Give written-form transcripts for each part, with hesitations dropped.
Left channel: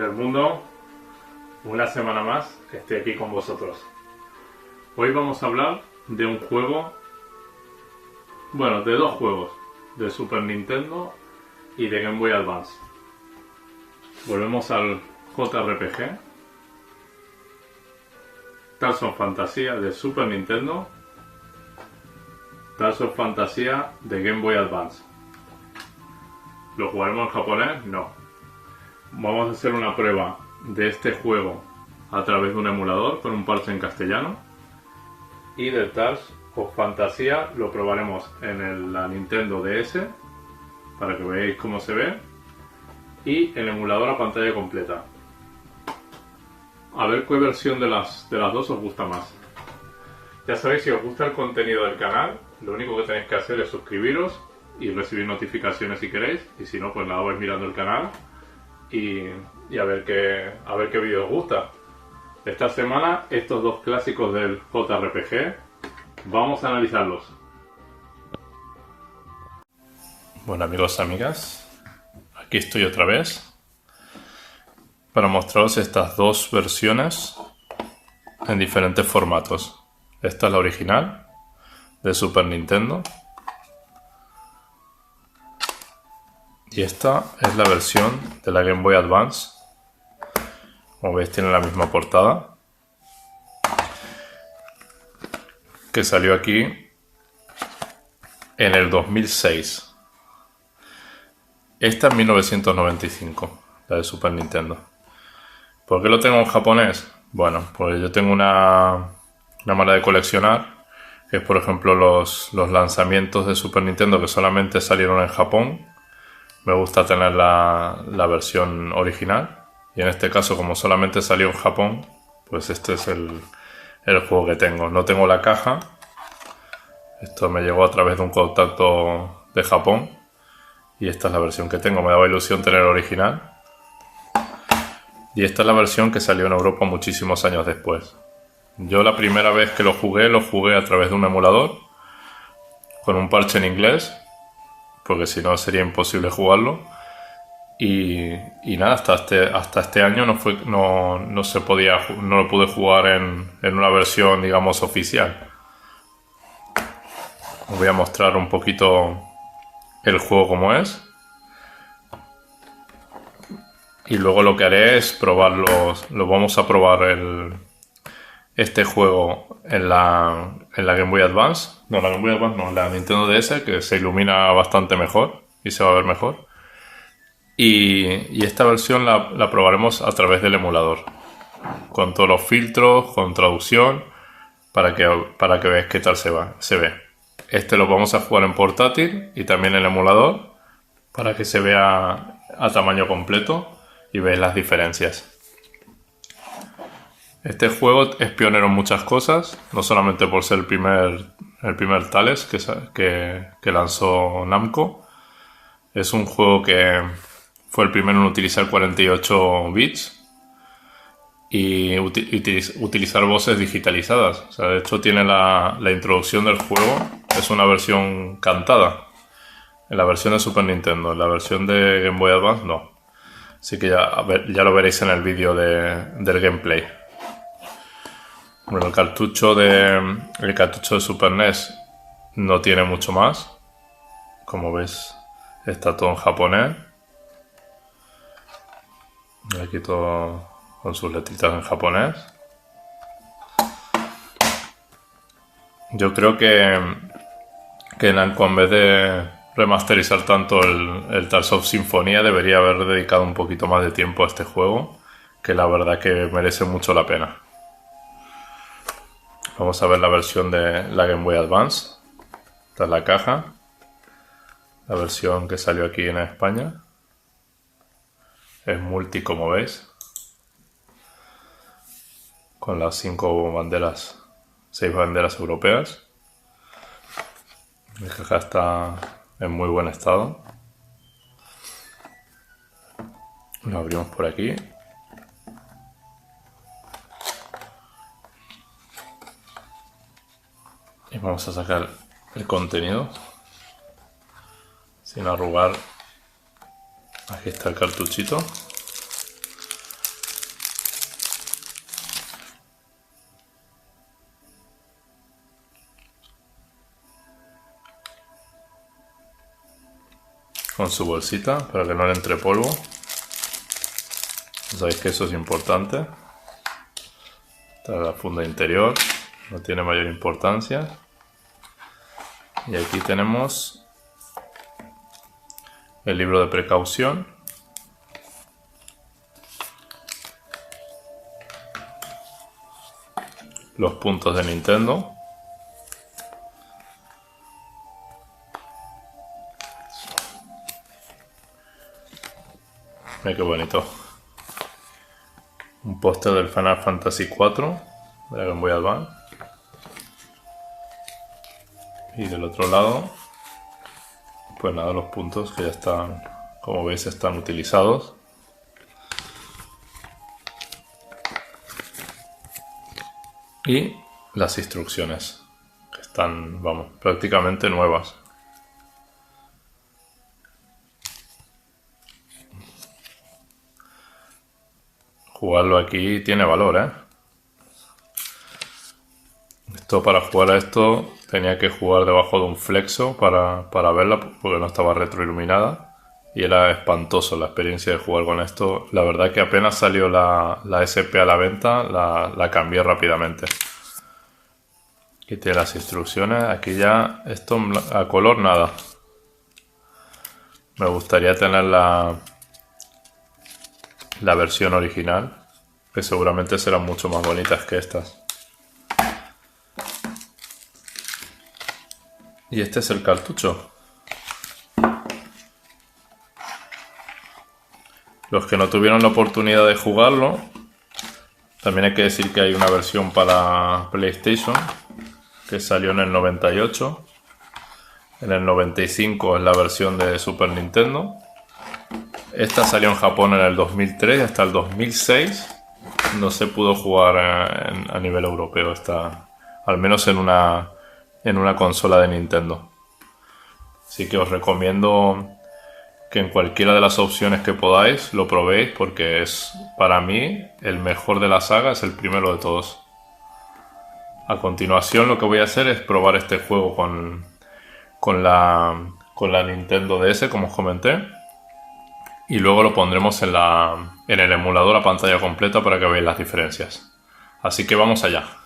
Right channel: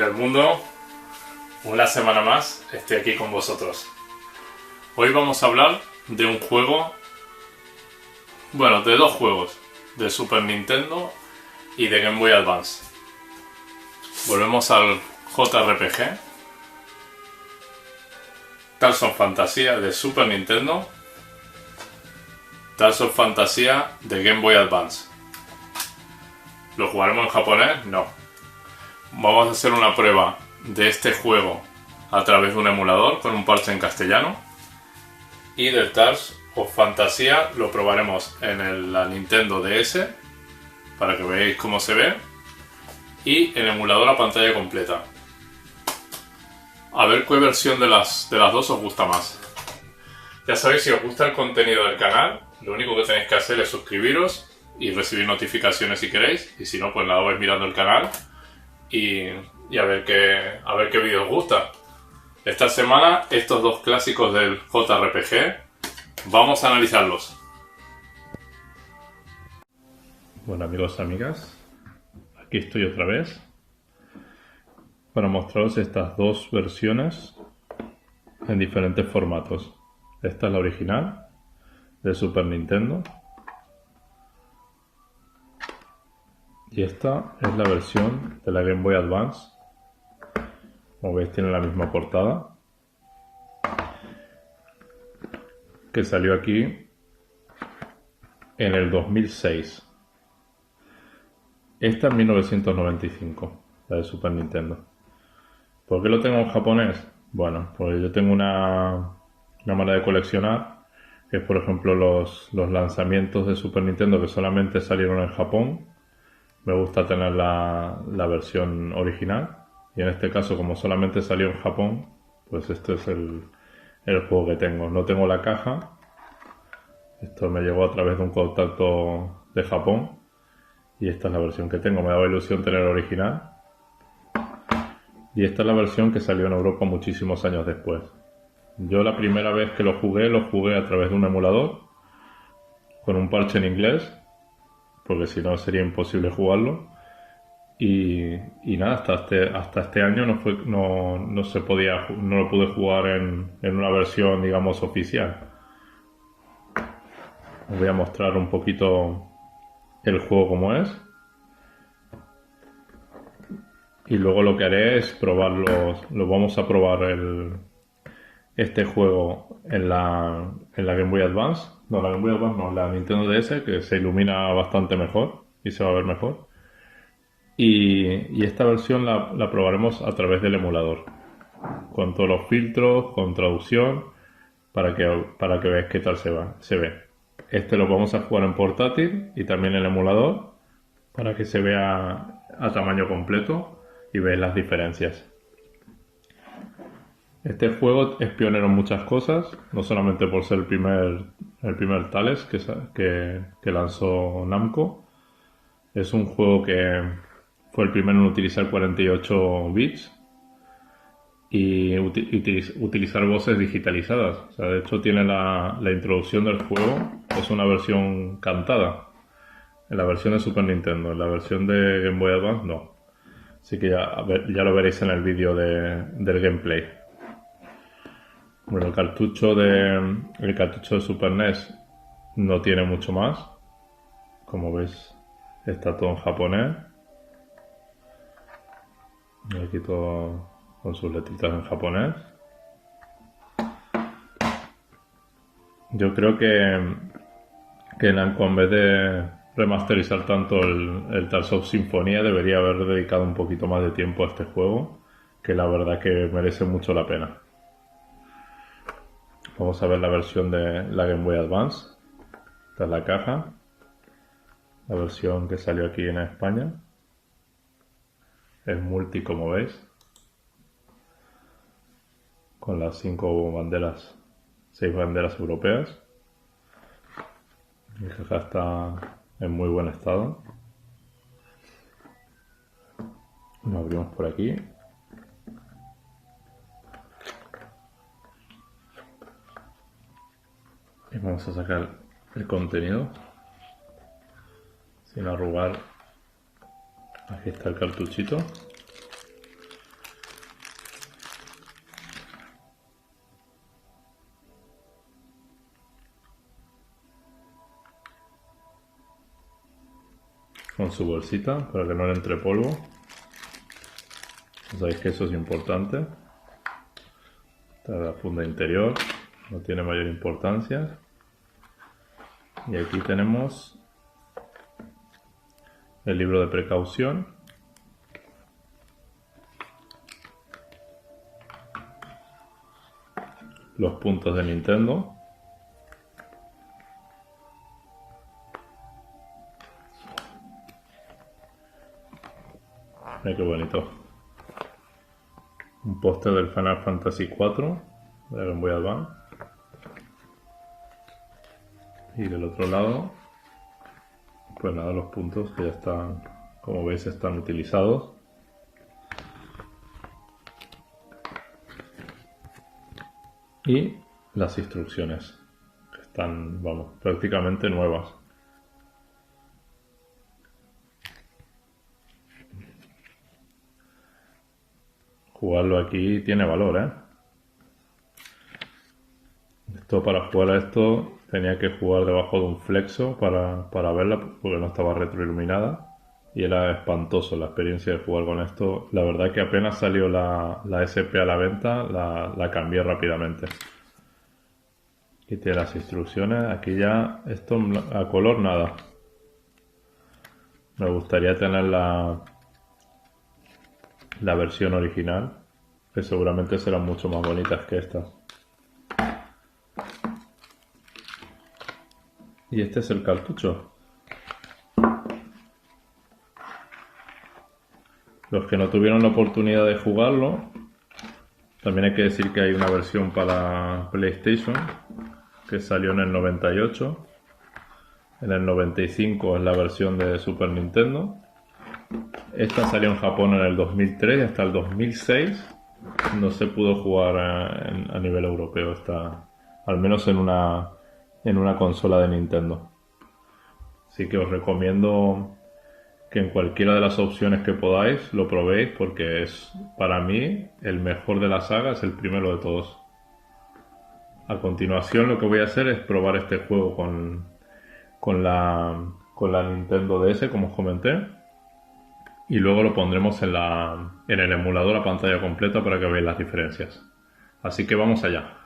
del mundo, una semana más estoy aquí con vosotros. Hoy vamos a hablar de un juego, bueno, de dos juegos, de Super Nintendo y de Game Boy Advance. Volvemos al JRPG, Tales of Fantasia de Super Nintendo, Tales of Fantasia de Game Boy Advance. ¿Lo jugaremos en japonés? No. Vamos a hacer una prueba de este juego a través de un emulador con un parche en castellano. Y del Tales of Fantasia lo probaremos en la Nintendo DS para que veáis cómo se ve. Y en emulador a pantalla completa. A ver qué versión de las dos os gusta más. Ya sabéis, si os gusta el contenido del canal, lo único que tenéis que hacer es suscribiros y recibir notificaciones si queréis, y si no, pues nada, vais mirando el canal y a ver qué vídeo os gusta. Esta semana, estos dos clásicos del JRPG, vamos a analizarlos. Bueno, amigos y amigas, aquí estoy otra vez para mostraros estas dos versiones en diferentes formatos. Esta es la original de Super Nintendo. Y esta es la versión de la Game Boy Advance. Como veis, tiene la misma portada, que salió aquí en el 2006. Esta en 1995, la de Super Nintendo. ¿Por qué lo tengo en japonés? Bueno, pues yo tengo una manera de coleccionar, que es, por ejemplo, los lanzamientos de Super Nintendo que solamente salieron en Japón. Me gusta tener la versión original, y en este caso, como solamente salió en Japón, pues este es el juego que tengo. No tengo la caja, esto me llegó a través de un contacto de Japón, y esta es la versión que tengo. Me daba ilusión tener el original, y esta es la versión que salió en Europa muchísimos años después. Yo la primera vez que lo jugué a través de un emulador con un parche en inglés, porque si no sería imposible jugarlo. Y nada, hasta este año no lo pude jugar en una versión, digamos, oficial. Os voy a mostrar un poquito el juego como es. Y luego lo que haré es probarlos. Lo vamos a probar este juego en la Game Boy Advance. No, la Game Boy Advance no, en la Nintendo DS, que se ilumina bastante mejor y se va a ver mejor. Y esta versión la probaremos a través del emulador, con todos los filtros, con traducción, para que veáis qué tal se ve. Este lo vamos a jugar en portátil y también en el emulador, para que se vea a tamaño completo y veáis las diferencias. Este juego es pionero en muchas cosas, no solamente por ser el primer Tales que lanzó Namco. Es un juego que fue el primero en utilizar 48 bits y utilizar voces digitalizadas. O sea, de hecho, tiene la introducción del juego, es una versión cantada. En la versión de Super Nintendo, en la versión de Game Boy Advance no. Así que ya lo veréis en el vídeo del gameplay. Bueno, el cartucho de Super NES no tiene mucho más. Como veis, está todo en japonés. Aquí todo con sus letritas en japonés. Yo creo que Namco, en vez de remasterizar tanto el Tales of Symphonia, debería haber dedicado un poquito más de tiempo a este juego, que la verdad que merece mucho la pena. Vamos a ver la versión de la Game Boy Advance. Esta es la caja. La versión que salió aquí en España. Es multi, como veis. Con las 6 banderas europeas. La caja está en muy buen estado. Lo abrimos por aquí. Y vamos a sacar el contenido sin arrugar. Aquí está el cartuchito. con su bolsita para que no le entre polvo. Sabéis que eso es importante. Esta es la funda interior, no tiene mayor importancia. Y aquí tenemos el libro de precaución. Los puntos de Nintendo. Mira qué bonito. Un póster del Final Fantasy IV de la Game Boy Advance. Y del otro lado, pues nada, los puntos que ya están, como veis, están utilizados. Y las instrucciones, que están, vamos, prácticamente nuevas. Jugarlo aquí tiene valor, ¿eh? Esto, para jugar a esto tenía que jugar debajo de un flexo para verla, porque no estaba retroiluminada. Y era espantoso la experiencia de jugar con esto. La verdad que apenas salió la SP a la venta, la cambié rápidamente. Aquí tiene las instrucciones. Aquí ya esto a color nada. Me gustaría tener la versión original, que seguramente serán mucho más bonitas que estas. Y este es el cartucho. Los que no tuvieron la oportunidad de jugarlo, también hay que decir que hay una versión para PlayStation que salió en el 98. En el 95 es la versión de Super Nintendo. Esta salió en Japón en el 2003 y hasta el 2006 no se pudo jugar a nivel europeo, al menos en una consola de Nintendo. Así que os recomiendo que en cualquiera de las opciones que podáis lo probéis, porque es, para mí, el mejor de la saga, es el primero de todos. A continuación lo que voy a hacer es probar este juego con la Nintendo DS, como os comenté, y luego lo pondremos en el emulador a pantalla completa para que veáis las diferencias. Así que vamos allá.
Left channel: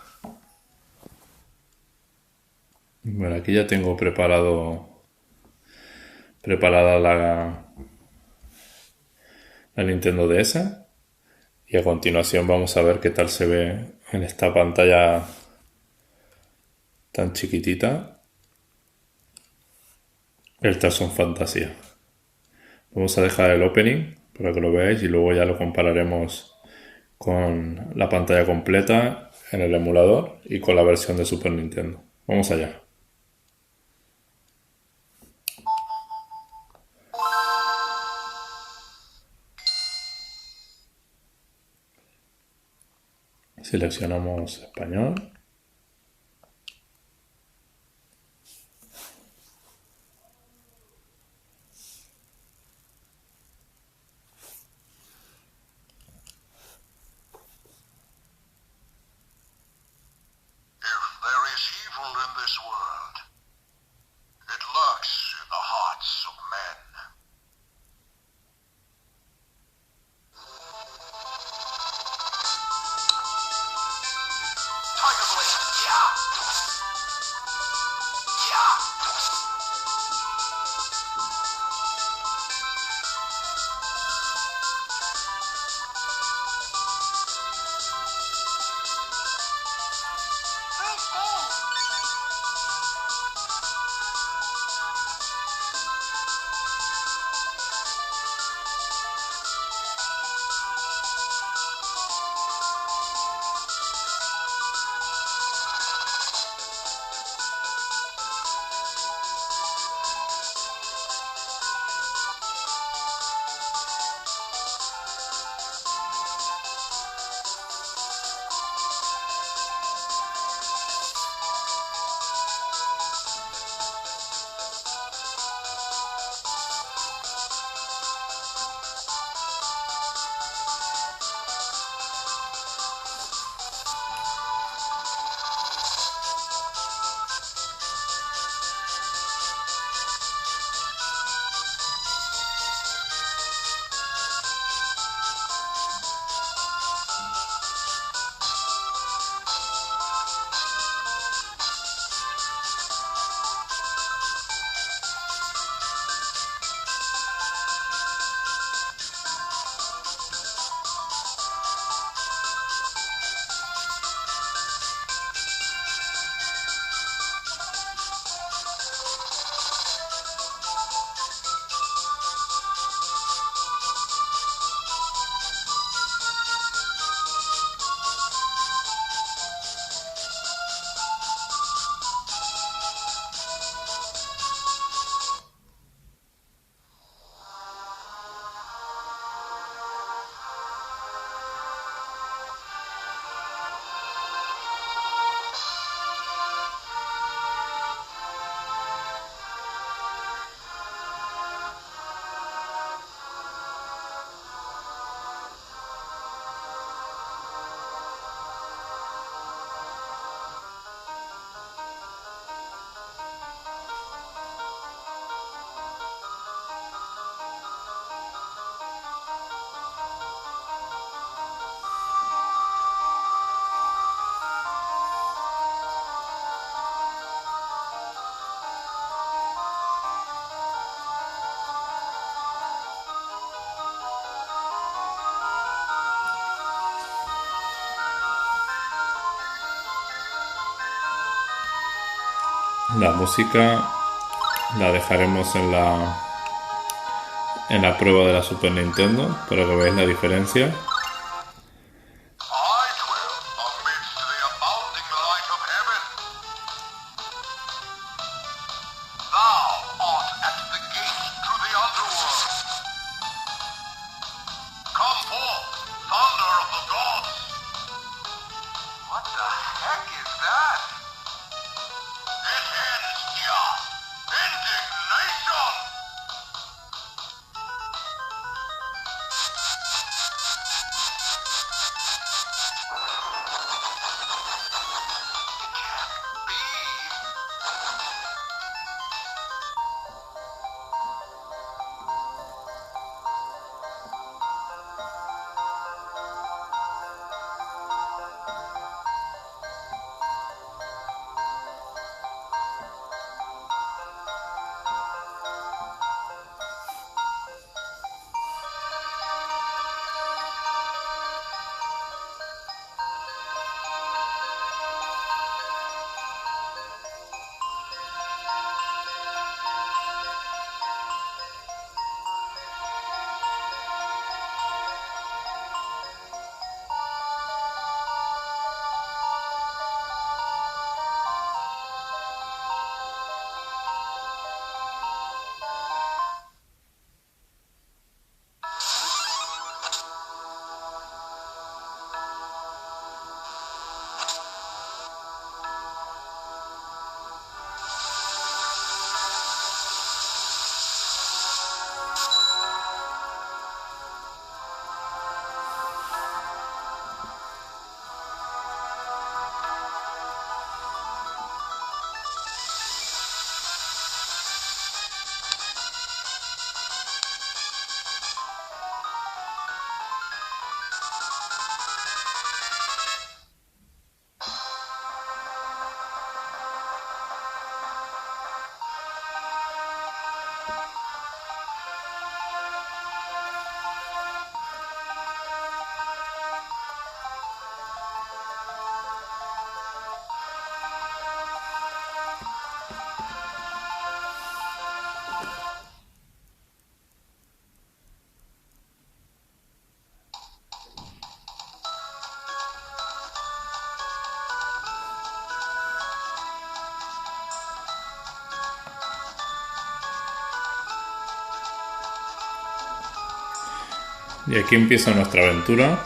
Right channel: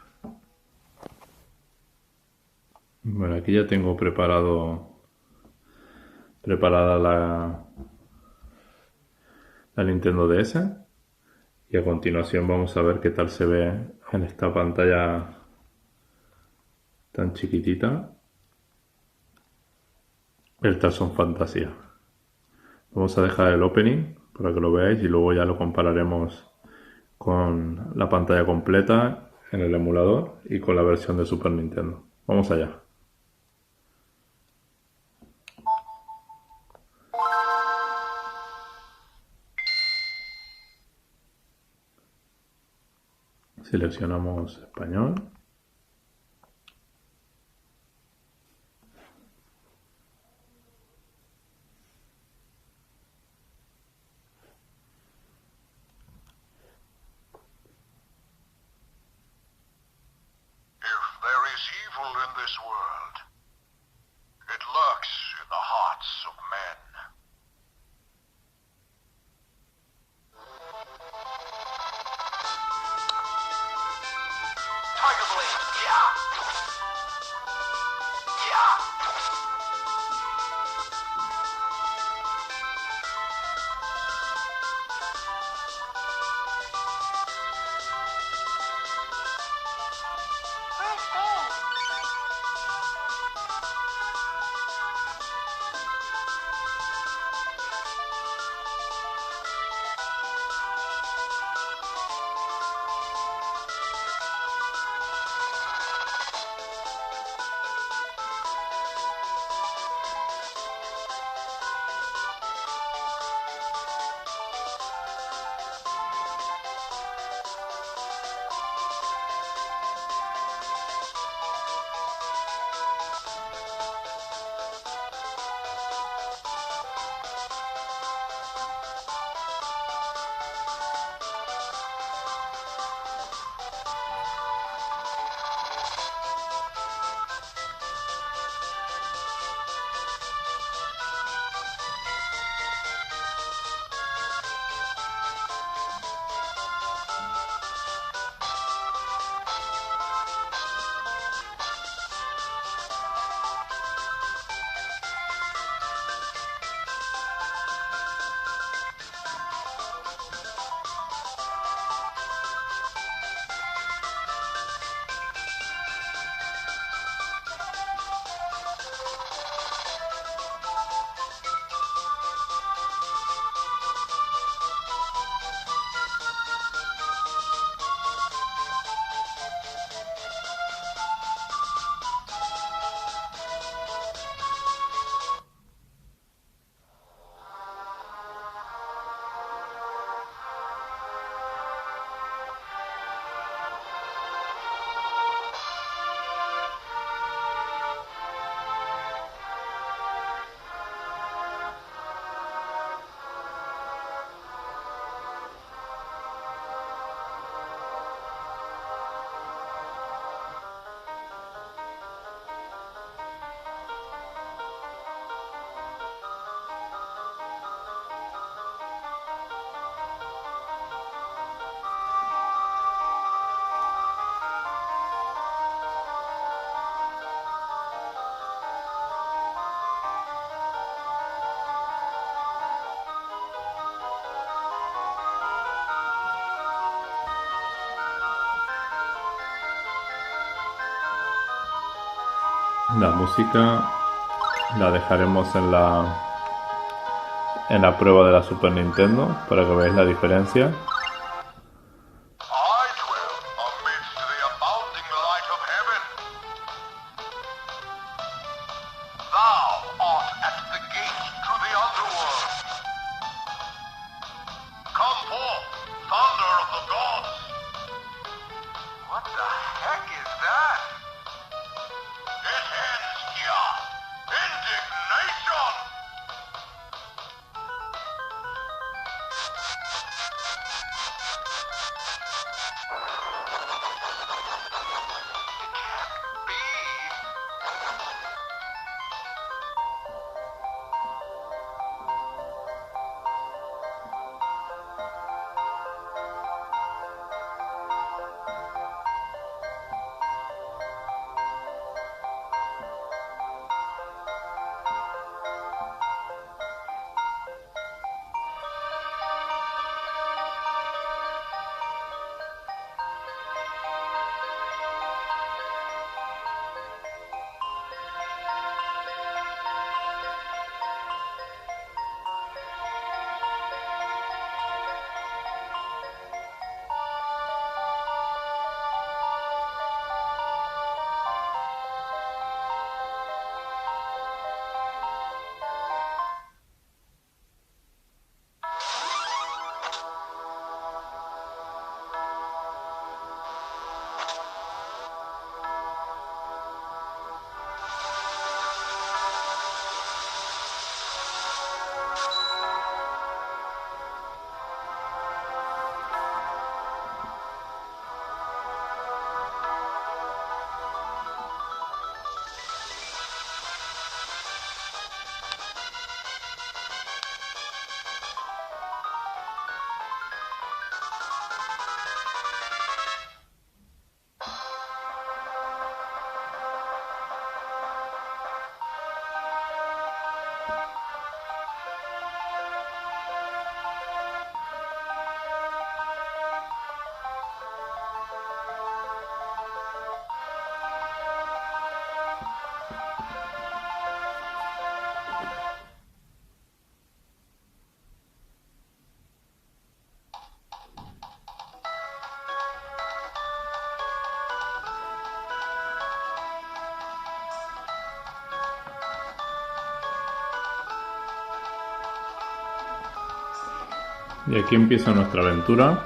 Bueno, aquí ya tengo preparada la Nintendo DS, y a continuación vamos a ver qué tal se ve en esta pantalla tan chiquitita el Tarzan Fantasía. Vamos a dejar el opening para que lo veáis y luego ya lo compararemos con la pantalla completa en el emulador y con la versión de Super Nintendo. Vamos allá. Seleccionamos español. La música la dejaremos en la prueba de la Super Nintendo para que veáis la diferencia. I dwell amidst the abounding light of heaven. Thou art at the gate to the underworld. Come forth, thunder of the gods. What the heck is that? It ends here. Indignation! Y aquí empieza nuestra aventura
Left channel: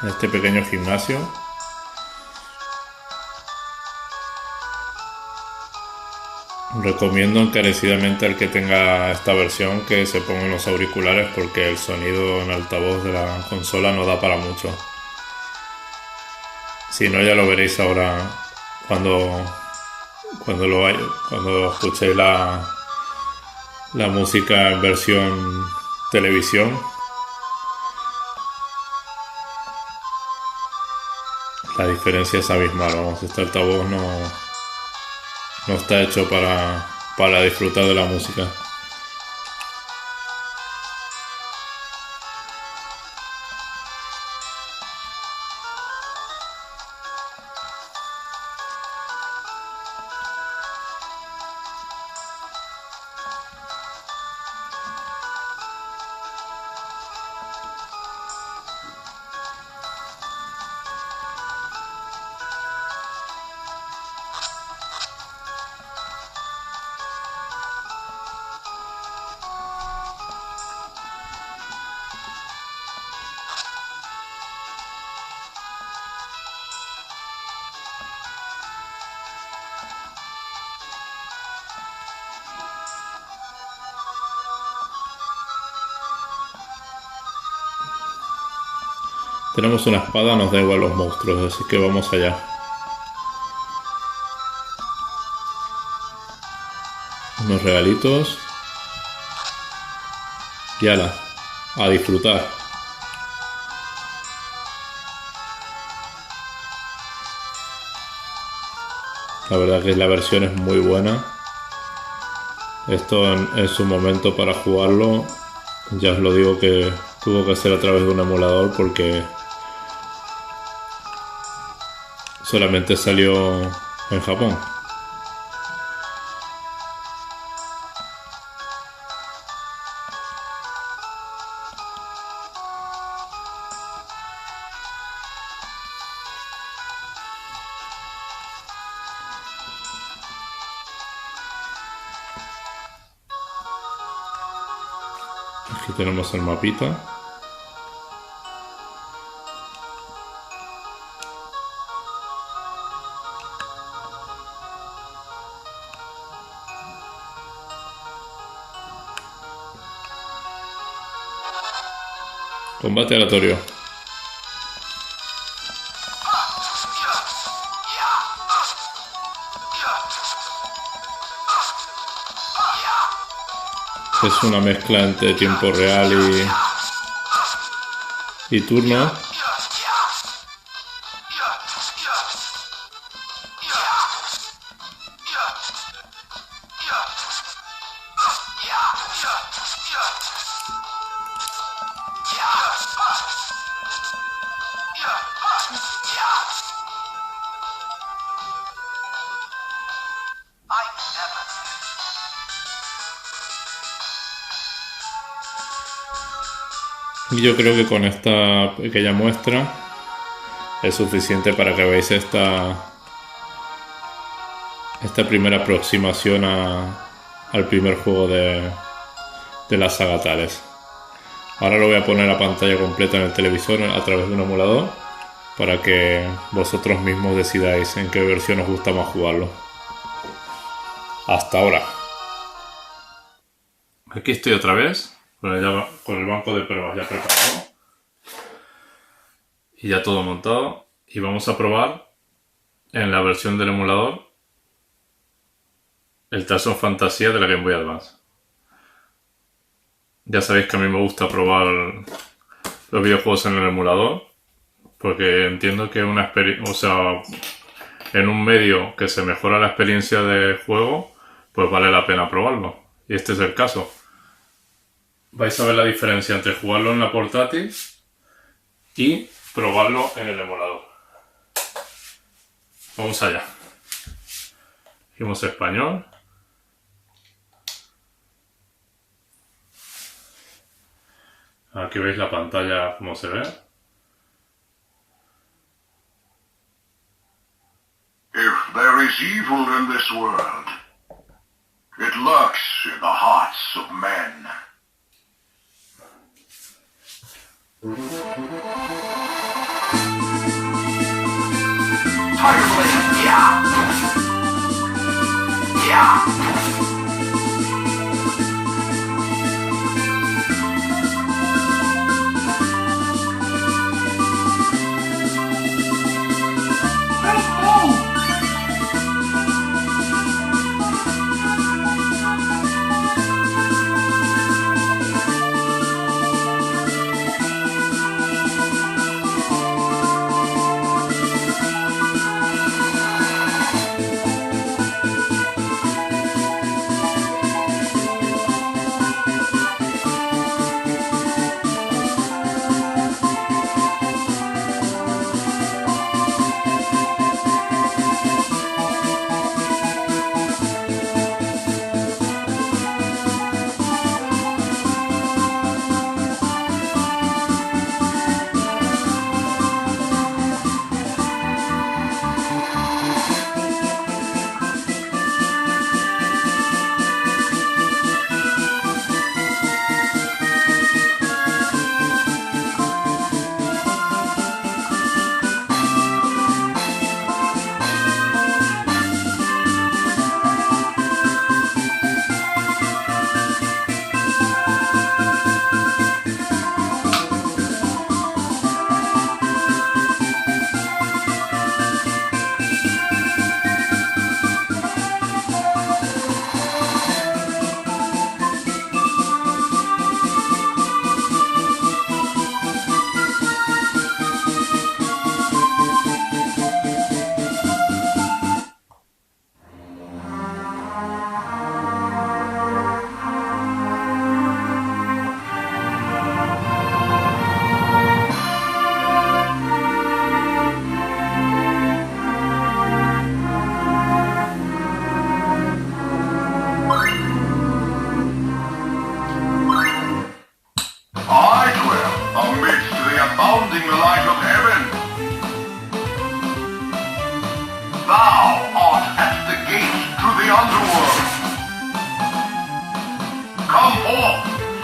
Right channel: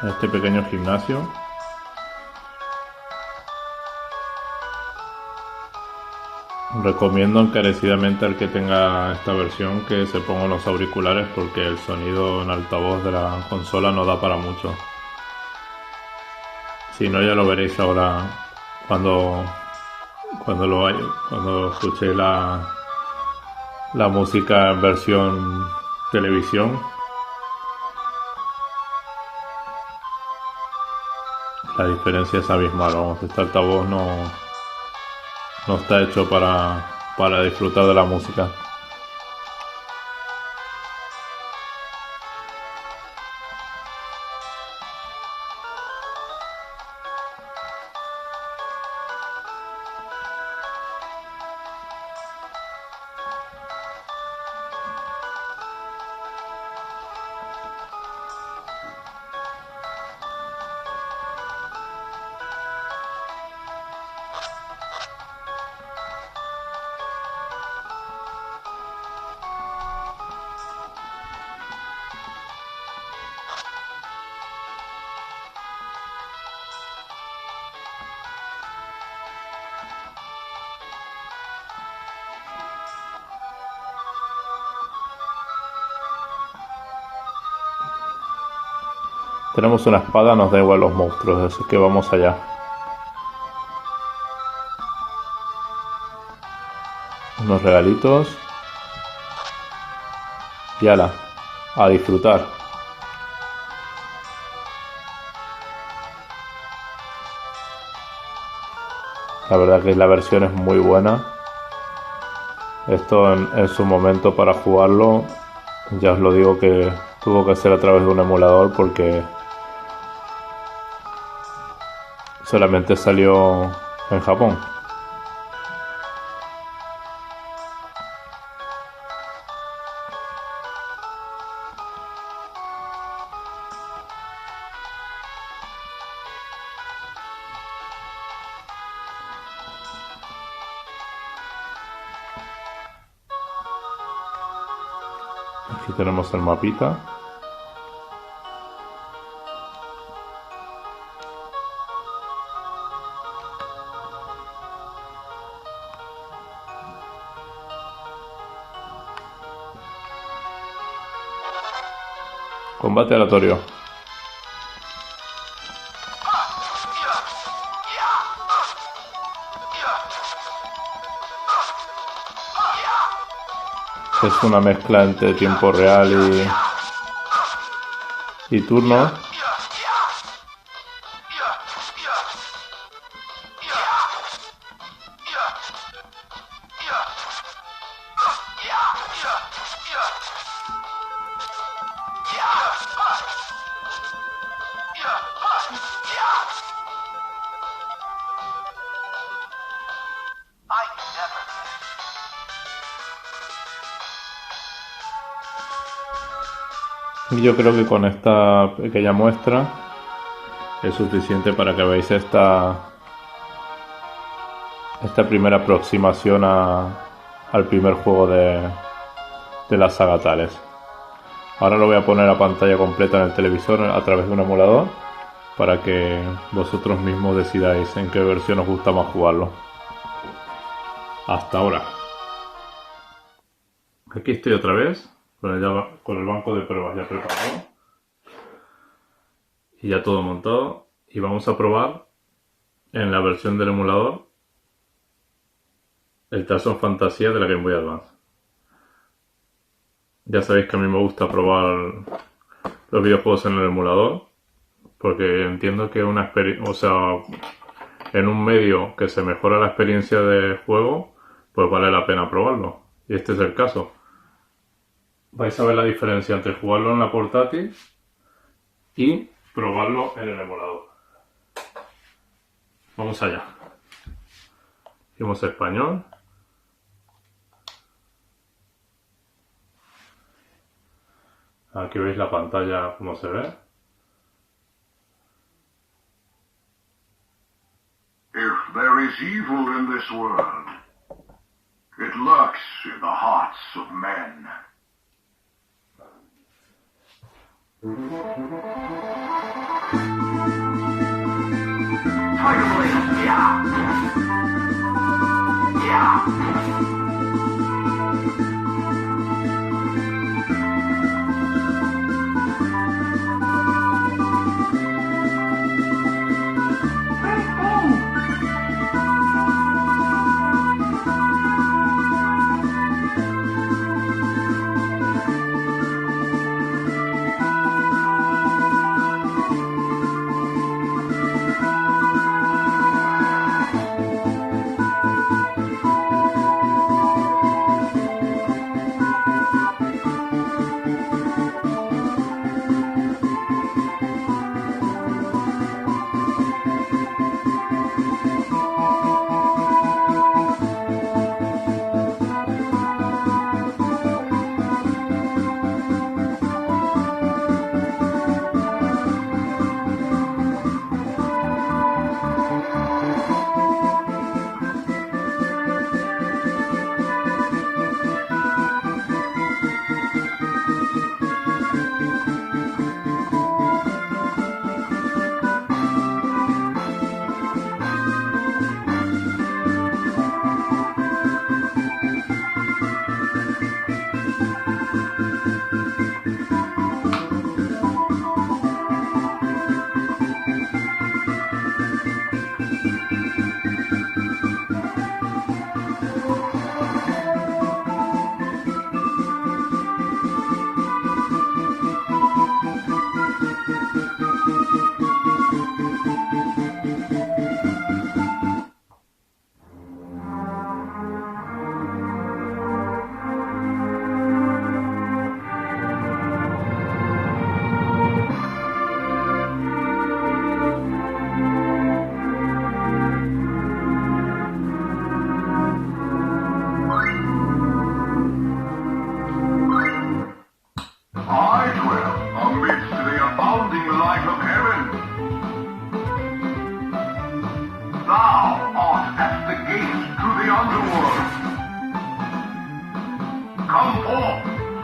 en este pequeño gimnasio. Recomiendo encarecidamente al que tenga esta versión que se ponga los auriculares porque el sonido en altavoz de la consola no da para mucho. Si no, ya lo veréis ahora cuando escuchéis la música en versión televisión. La diferencia es abismal, vamos, este altavoz no está hecho para disfrutar de la música. Tenemos una espada, nos da igual los monstruos, así que vamos allá. Unos regalitos. Y ala, a disfrutar. La verdad que la versión es muy buena. Esto en su momento para jugarlo, ya os lo digo que tuvo que ser a través de un emulador porque solamente salió en Japón. Aquí tenemos el mapita. Combate aleatorio. Es una mezcla entre tiempo real y turno. Y yo creo que con esta pequeña muestra es suficiente para que veáis esta primera aproximación al primer juego de la saga Tales. Ahora lo voy a poner a pantalla completa en el televisor a través de un emulador para que vosotros mismos decidáis en qué versión os gusta más jugarlo. Hasta ahora. Aquí estoy otra vez con el banco de pruebas ya preparado y ya todo montado, y vamos a probar en la versión del emulador el Tales of Fantasia de la Game Boy Advance. Ya sabéis que a mí me gusta probar los videojuegos en el emulador porque entiendo que una experiencia, o sea, en un medio que se mejora la experiencia de juego, pues vale la pena probarlo, y este es el caso. Vais a ver la diferencia entre jugarlo en la portátil y probarlo en el emulador. Vamos allá. Dijimos español. Aquí veis la pantalla como se ve. If there is evil in this world, it lurks in the hearts of men. Tiger Blade, yeah! Yeah!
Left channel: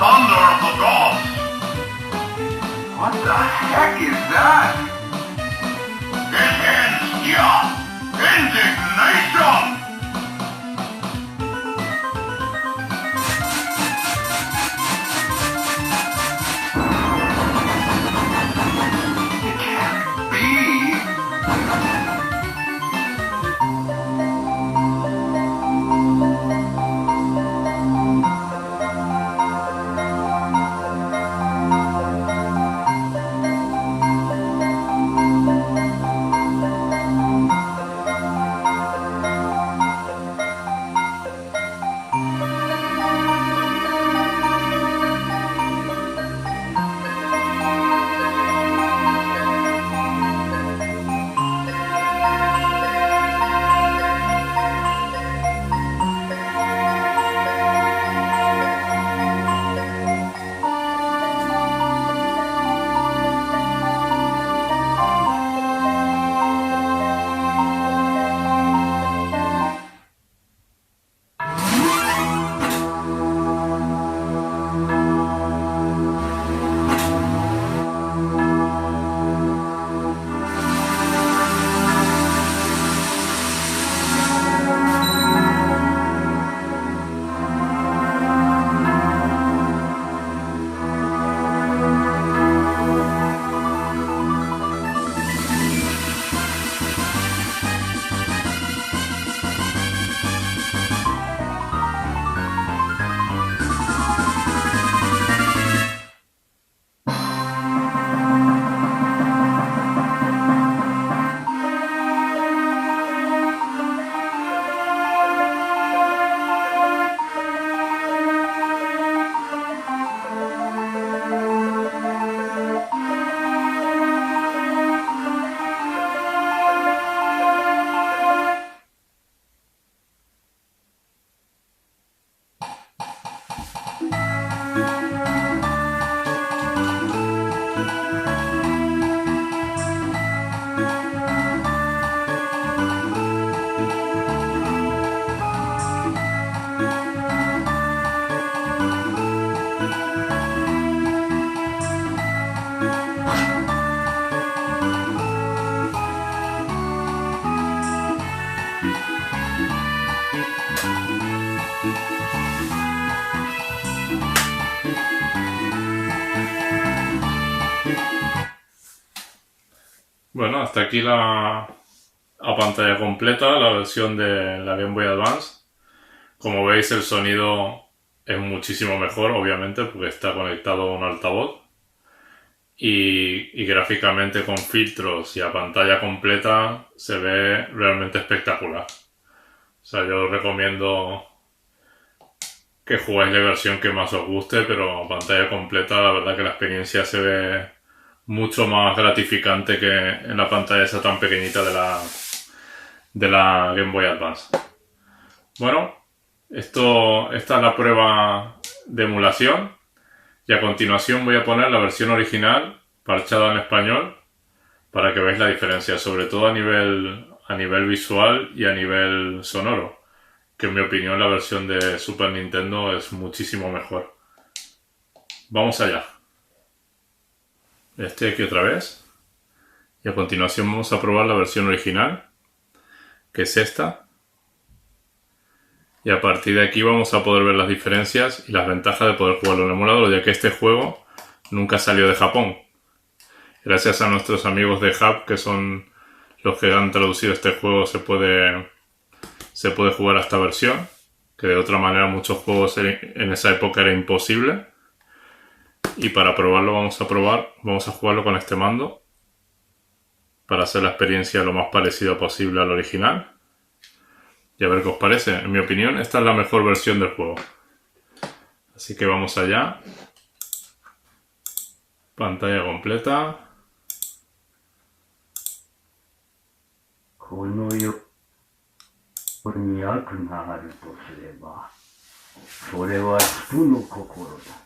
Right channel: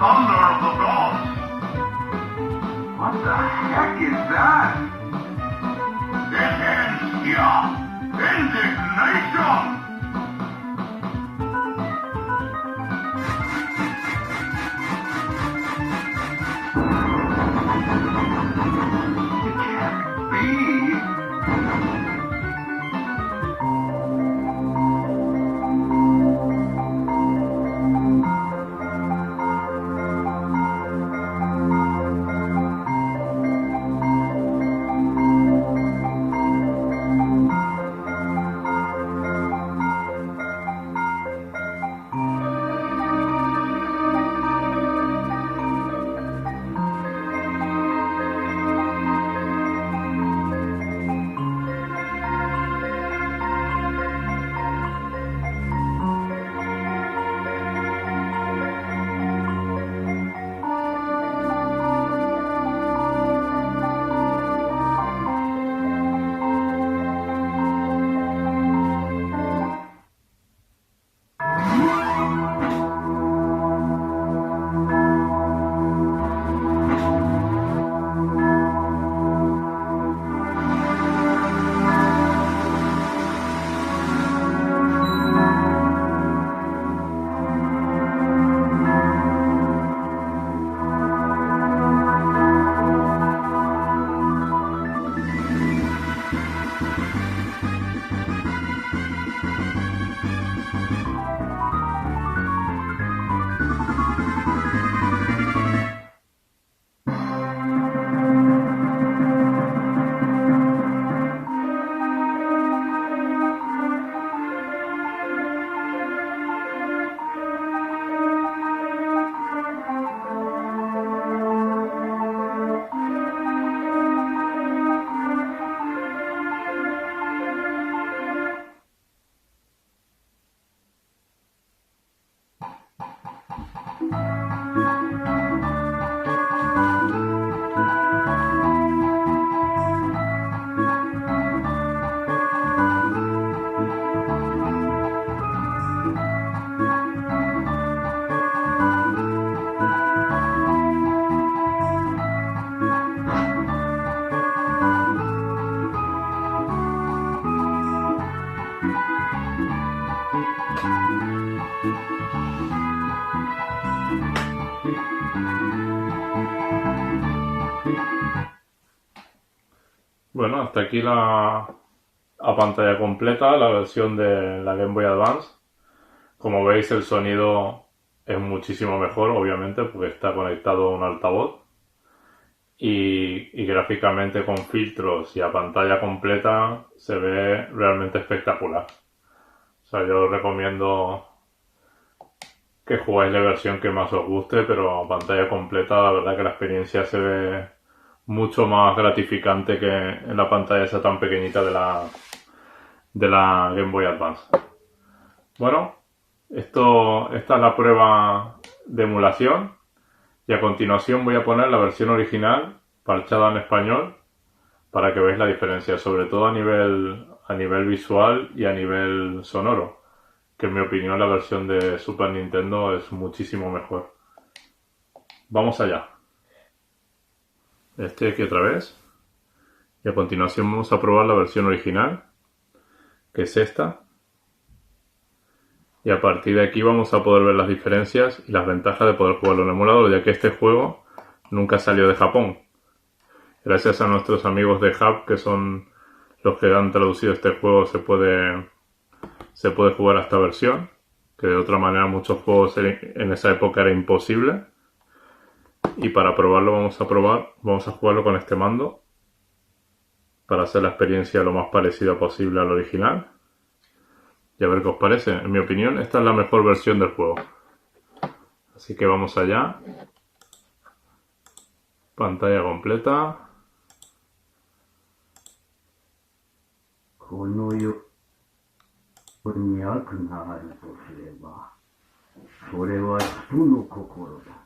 thunder of the gods. What the heck is that? It ends here. Indignation! It can't be. Bueno, hasta aquí a pantalla completa la versión de la Game Boy Advance. Como veis, el sonido es muchísimo mejor, obviamente, porque está conectado a un altavoz. Y gráficamente, con filtros y a pantalla completa, se ve realmente espectacular. O sea, yo os recomiendo que juguéis la versión que más os guste, pero a pantalla completa la verdad que la experiencia se ve mucho más gratificante que en la pantalla esa tan pequeñita de la Game Boy Advance. Bueno, esta es la prueba de emulación y a continuación voy a poner la versión original parchada en español para que veáis la diferencia, sobre todo a nivel visual y a nivel sonoro, que en mi opinión la versión de Super Nintendo es muchísimo mejor. Vamos allá. Estoy aquí otra vez y a continuación vamos a probar la versión original, que es esta, y a partir de aquí vamos a poder ver las diferencias y las ventajas de poder jugarlo en emulador, ya que este juego nunca salió de Japón. Gracias a nuestros amigos de Hub, que son los que han traducido este juego, se puede jugar a esta versión, que de otra manera muchos juegos en esa época era imposible. Y para probarlo vamos a jugarlo con este mando para hacer la experiencia lo más parecida posible al original y a ver qué os parece. En mi opinión, esta es la mejor versión del juego, así que vamos allá. Pantalla completa. この世に悪があるとすれば、それは人の心だ。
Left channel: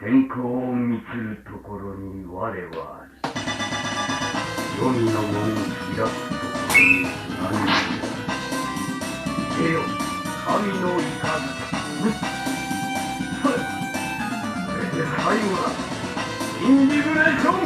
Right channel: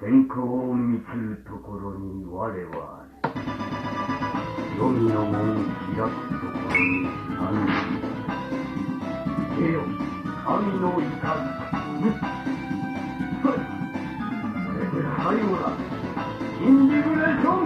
天候を満つるところに我はある。黄泉の門を開くところに何が。出よ、神の雷。それで最後だ。インジグレーション。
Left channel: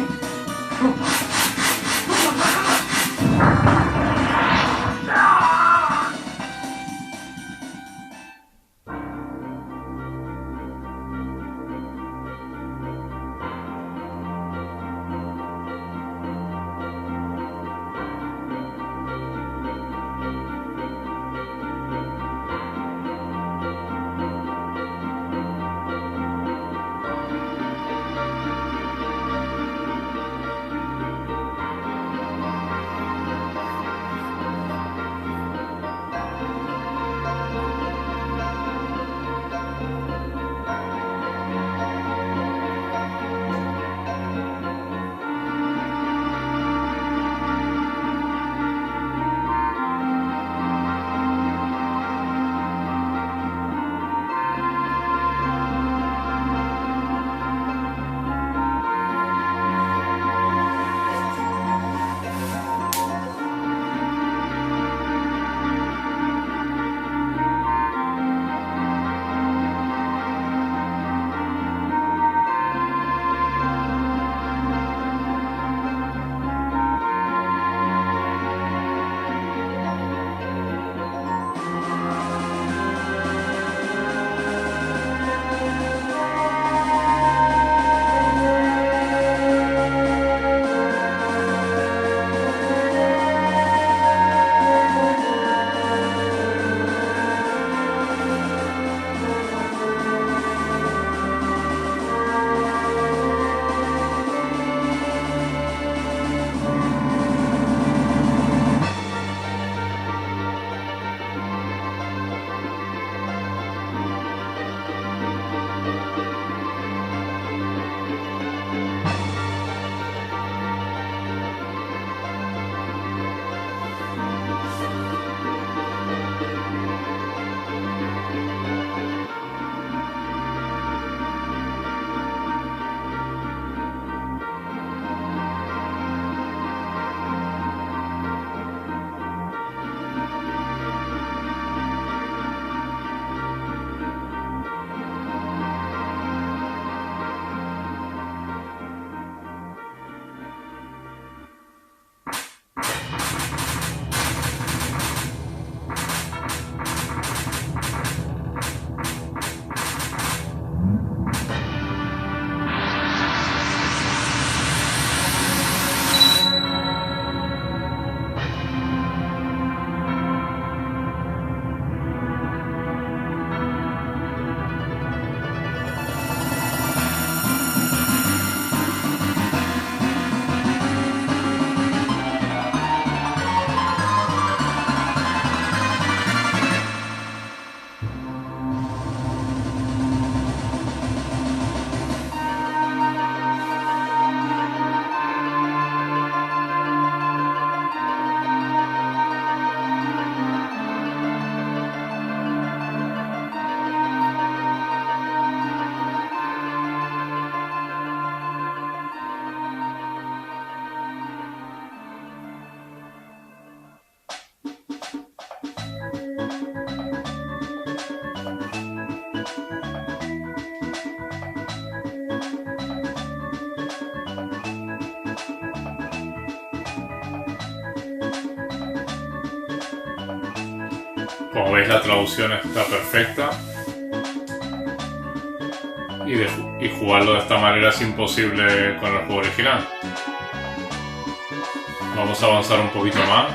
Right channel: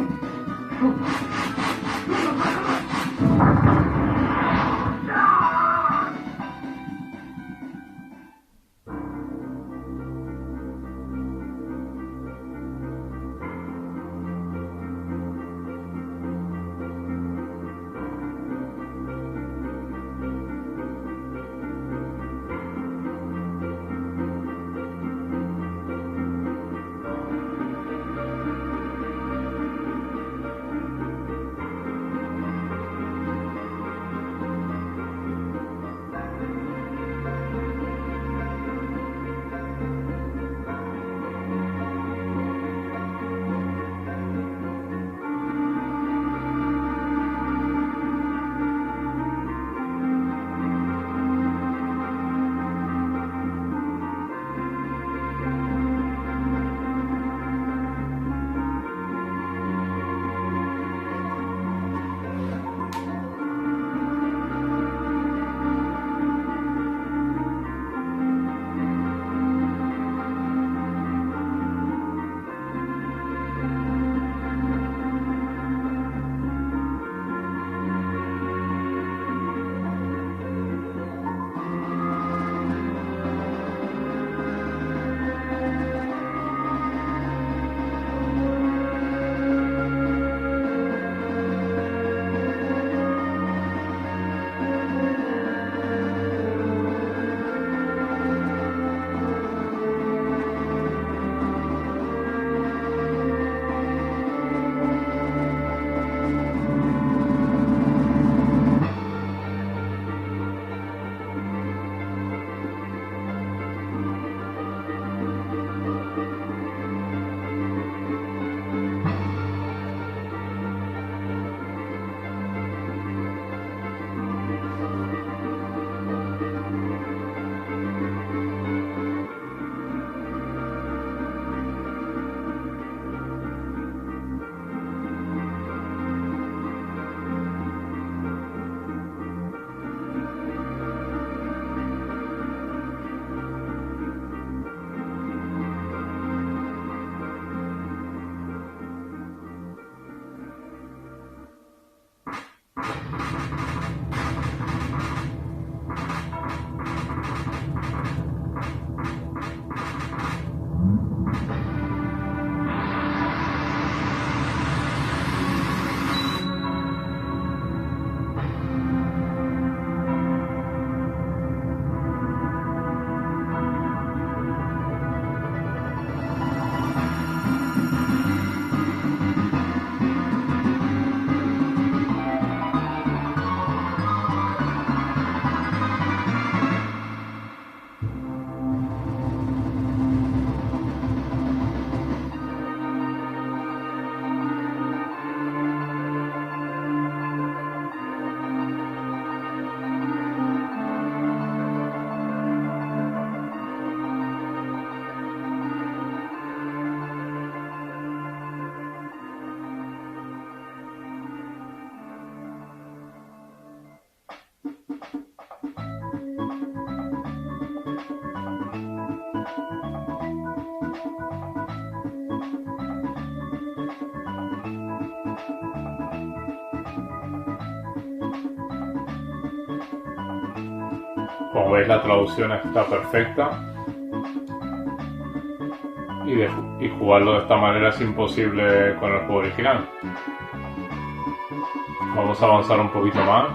Como veis, la traducción está perfecta y jugarlo de esta manera es imposible con el juego original. Vamos a avanzar un poquito más.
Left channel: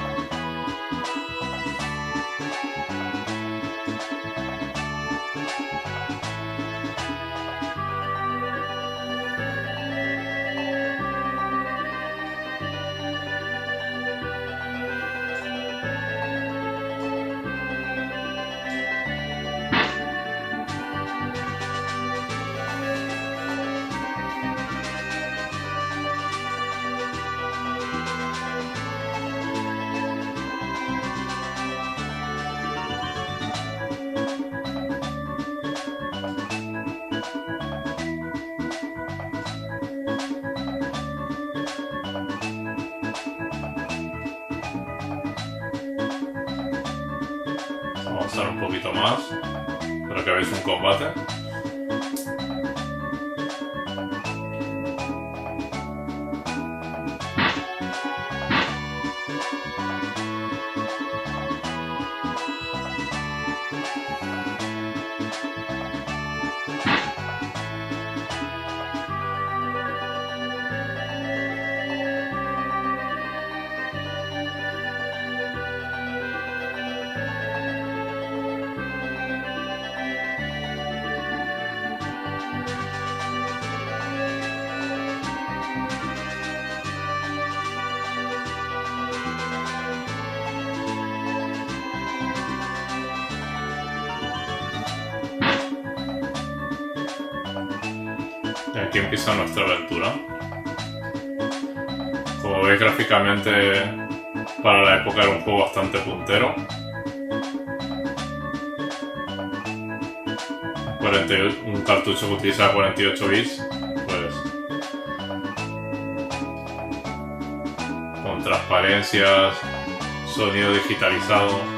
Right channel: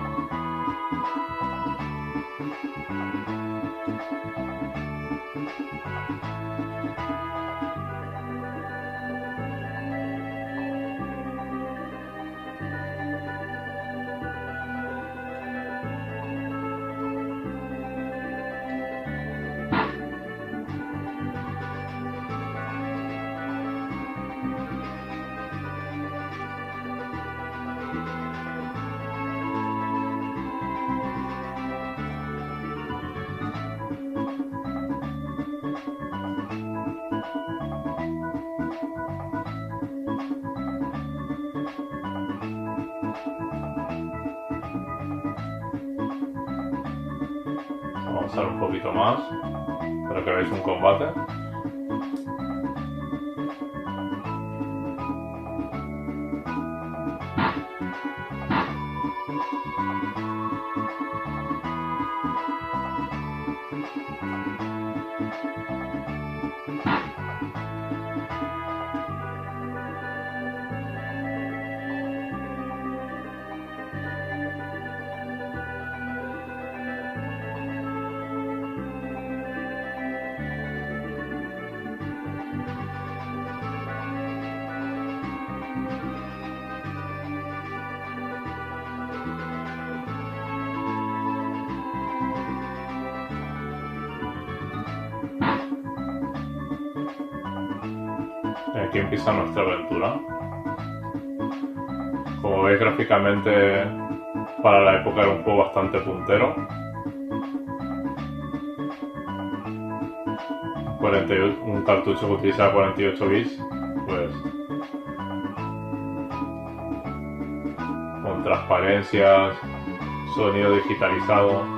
avanzar un poquito más para que veáis un combate. Y aquí empieza nuestra aventura. Como veis, gráficamente para la época era un juego bastante puntero. 48, un cartucho que utiliza 48 bits, pues con transparencias, sonido digitalizado.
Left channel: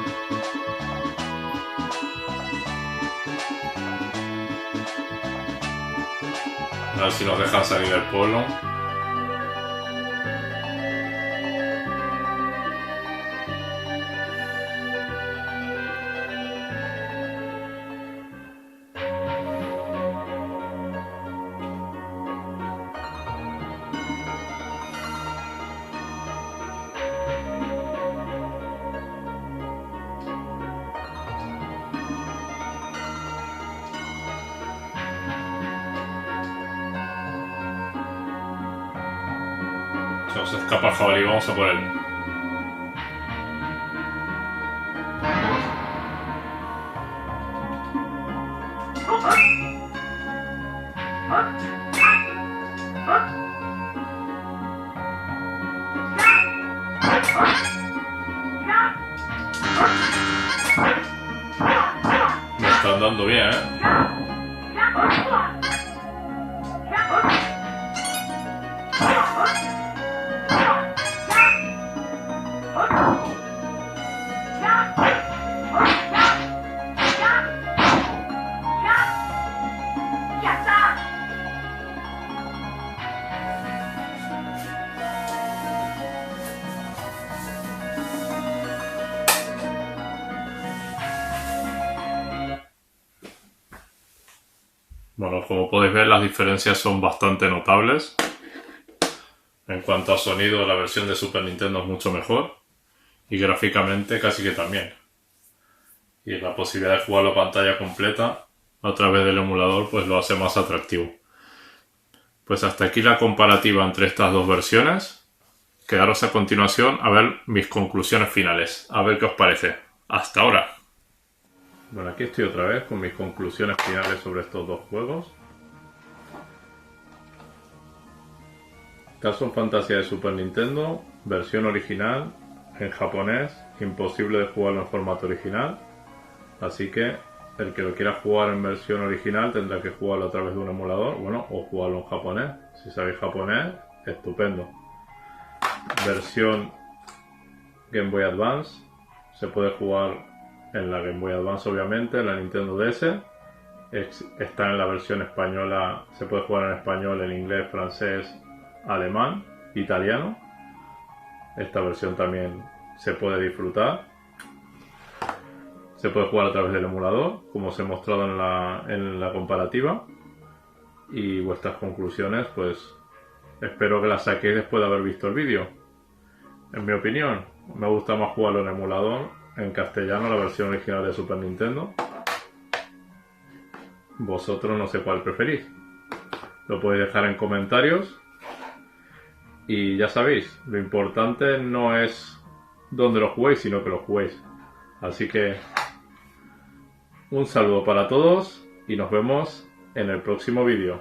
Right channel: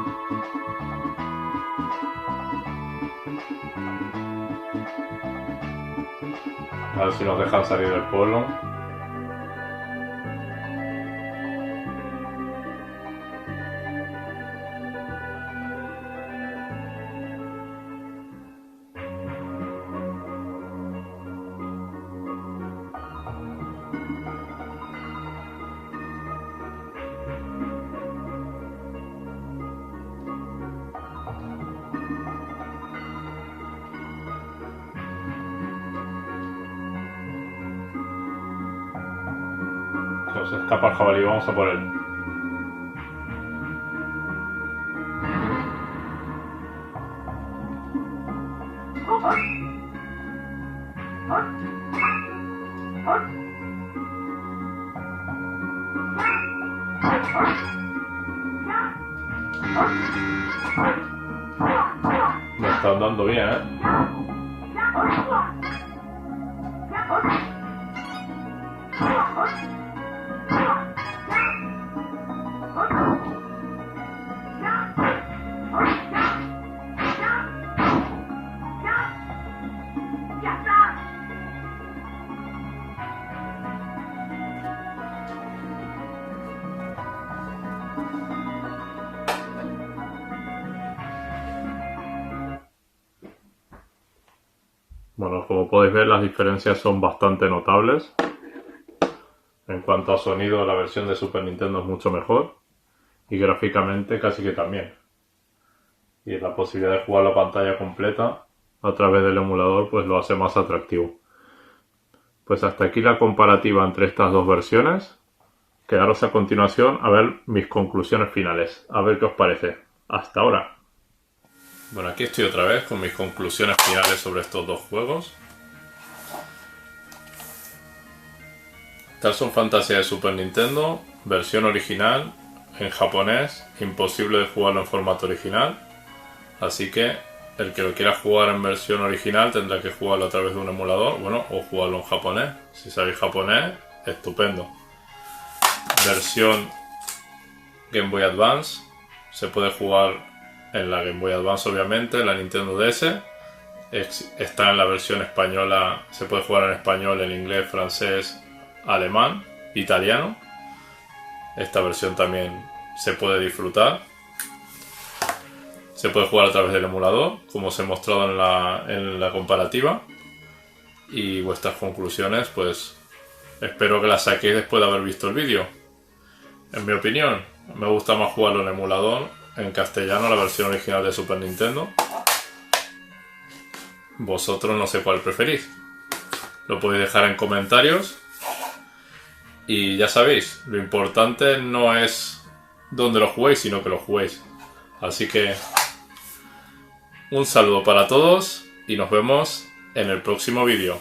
A ver si nos dejan salir del pueblo. Se nos escapa el jabalí, vamos a por él. Me están dando bien, ¿eh? Bueno, como podéis ver, las diferencias son bastante notables. En cuanto a sonido, la versión de Super Nintendo es mucho mejor. Y gráficamente casi que también. Y la posibilidad de jugar la pantalla completa a través del emulador pues lo hace más atractivo. Pues hasta aquí la comparativa entre estas dos versiones. Quedaros a continuación a ver mis conclusiones finales. A ver qué os parece. Hasta ahora. Bueno, aquí estoy otra vez con mis conclusiones finales sobre estos dos juegos. Tales of Phantasia de Super Nintendo, versión original, en japonés, imposible de jugarlo en formato original. Así que el que lo quiera jugar en versión original tendrá que jugarlo a través de un emulador, bueno, o jugarlo en japonés. Si sabéis japonés, estupendo. Versión Game Boy Advance, se puede jugar en la Game Boy Advance, obviamente, en la Nintendo DS. Está en la versión española, se puede jugar en español, en inglés, francés, alemán, italiano. Esta versión también se puede disfrutar. Se puede jugar a través del emulador, como os he mostrado en la comparativa. Y vuestras conclusiones, pues espero que las saquéis después de haber visto el vídeo. En mi opinión, me gusta más jugarlo en emulador, en castellano, la versión original de Super Nintendo. Vosotros no sé cuál preferís. Lo podéis dejar en comentarios. Y ya sabéis, lo importante no es dónde lo juguéis, sino que lo juguéis. Así que un saludo para todos y nos vemos en el próximo vídeo.